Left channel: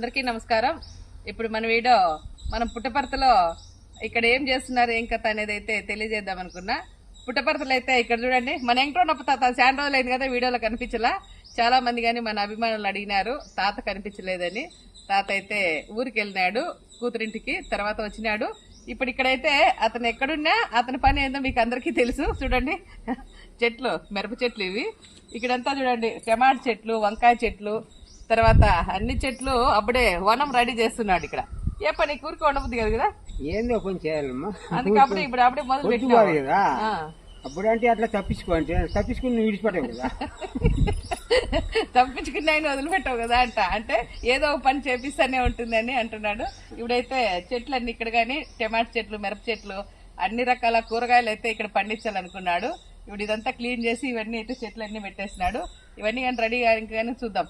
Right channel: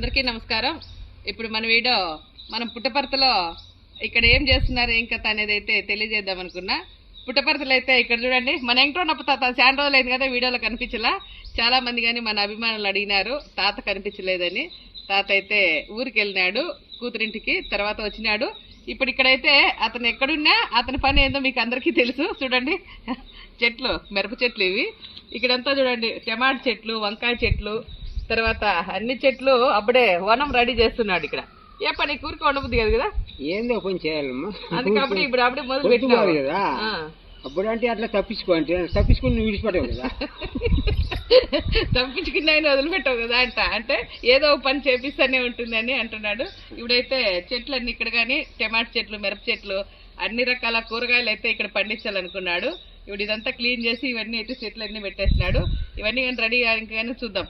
అందరికీ నమస్కారం. ఇప్పుడు మన వీడియో మనం పుట్టపర్తిలో ఇక్కడ ఏం చేస్తున్నారు ఏం కథ అనేది అయితే తెలియజేద్దాం అనుకున్నా. పుట్టపర్తిలో అయితే ఇక్కడ చూడండి, మన వెంకటరమణ తాత చాలా రోజులు అయింది కదా, వీడియోలో కనిపించలా. చాలా మంది కానీ మన అభిమానులు అడిగినారు తాత కనిపించలేదని. తాత అయితే ఊరికి వెళ్ళినాడు కూతురింటికి, తర్వాత వచ్చినాడు. ఇప్పుడు ఇక్కడైతే అతను ఎక్కడున్నా అతని పని ఏందో మీకు అందరికీ తెలుసు. చూడండి చెట్లు, మిరప చెట్లు ఇవి. ఇక్కడంతా చూడండి టమాటా చెట్లు, వంకాయ చెట్లు, తర్వాత అన్ని చెట్లు అప్పుడే వనం రెడీ చేస్తున్నాడు. ఇక్కడ ఏ పని కూరికి ఉండబుద్ది కాదు కదా, ఏందో పని చేయాలమ్మా. అందుకే ఇప్పుడు అప్పుడే మొదలు పెట్టారు కదా. అప్పుడు అంటే అట్లా తప్పించుకుని విడిచిపెట్టావు కదా. తప్పించుకున్న ఆయన వదిలిపెట్టావు కదా అంటే ఏదో పని చేపిస్తూనే ఉంటుందని అంటున్నాడు. ఇప్పుడైతే చెట్లు అన్ని ఇక్కడ కానీ టమాటా చెట్లు, మిరప చెట్లు, అన్ని రకాల కూరగాయలు అయితే ఇక్కడ పండించాలనుకున్నాడు. ఇప్పుడు ఇదంతా క్లీన్ చేసి ఇవన్నీ అయితే చెట్లు అన్ని పెట్టేసినాడు. ఇవన్నీ కానీ రెడీ కానీ చూద్దాం.